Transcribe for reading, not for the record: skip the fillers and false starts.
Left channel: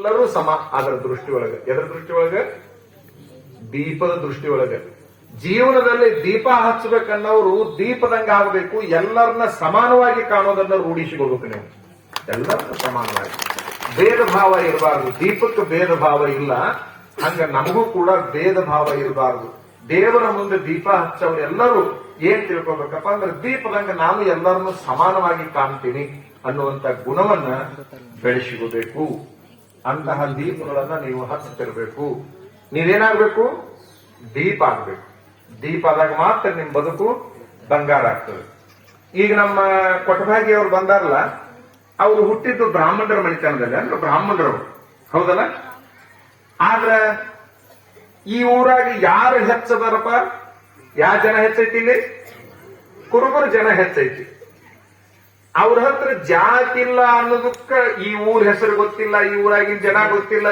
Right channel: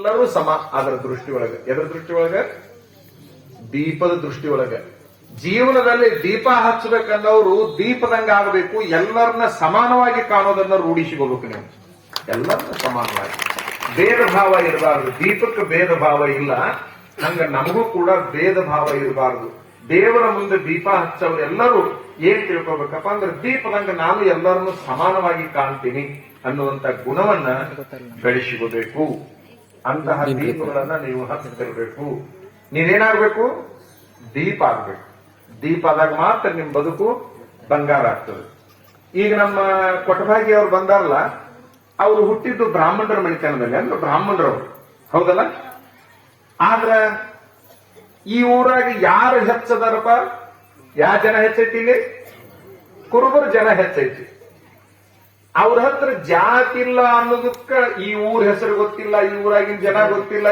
ಎಲ್ಲರೂ ಸಮ. ಅದರ ದೃಷ್ಟಿ ಒಳಗೆ, ಎದರ ದೃಷ್ಟಿ ಒಳಗೆ? ದೀಪದ ದೃಷ್ಟಿ ಒಳಗೆ. ಜೀವನದಲ್ಲಿ ದೀಪ ಹಚ್ಚಬೇಕನ್ನೋರು ದೀಪದಂಗ ಆಗಬೇಕು. ಎಲ್ಲರನ್ನ ಸಮಾನವಾಗಿ ಕಾಣೋದನ್ನ ರೂಢಿಸಿಕೋಬೇಕು. ನೀವು ಎಲ್ಲರನ್ನ ಸಮಾನವಾಗಿ, ಭೇದ ಭಾವ ಇರಬಾರದು. ದೀಪಕ್ಕೆ ಭೇದ ಭಾವ ಇಲ್ಲ, ಹಂಗ ನಮಗೂ ಕೂಡ ಭೇದ ಭಾವ ಇರಬಾರದು. ದೇವರ ಮುಂದೆ ದೀಪ ಹಚ್ಚೋರು ಎಲ್ಲರೂ ಏನ್ ತಿಳ್ಕೊಬೇಕಪ್ಪ ಅಂದ್ರೆ, ದೀಪದಂಗ ನಾನು ಎಲ್ಲರನ್ನು ಸಮಾನವಾಗಿ ಕಾಣ್ತೀನಿ ಅನ್ನುವಂತ ಗುಣವನ್ನ ಬೆಳೆಸಿಕೋಬೇಕು. ಅಂತಹ ದೀಪಗಳನ್ನ ನೀವು ಹಚ್ಚುತ್ತಿರಬೇಕು. ನೀವೇನಾಗ್ಬೇಕು? ದೀಪ ಆಗ್ಬೇಕು. ದೀಪ ಆದಾಗ ಮಾತ್ರ ನಿಮ್ ಬದುಕು ಬಂಗಾರ ಆಗ್ತದೆ. ಈಗ ನಮ್ಮ ಕೊಟ್ಟಭಾಗಿ ಅವ್ರು ಬಂದಾರಲ್ಲ, ಅವರು ಹುಟ್ಟಿದ್ದು ಬ್ರಾಹ್ಮಣರ ಮನೆತನದಲ್ಲಿ, ಅಂದ್ರೆ ಬ್ರಾಹ್ಮಣರವರು, ಹೌದಲ್ಲ? ಆದ್ರ ಈ ಊರಾಗ ಯಾರು ಹೆಚ್ಚದಾರಪ್ಪ? ಯಾವ ಜನ ಹೆಚ್ಚೈತಿ? ಇಲ್ಲಿ ಕುರುಬರು ಜನ ಹೆಚ್ಚೈತಿ. ಅವ್ರ ಹತ್ರ ಜಾತಿ ಇಲ್ಲ ಅನ್ನೋದಕ್ಕ ಈ ಊರ ಹೆಸರು ಗೊತ್ತಿಲ್ಲ, ಈ ಊರಾಗಿನ ಜನ ಗೊತ್ತಿಲ್ಲ.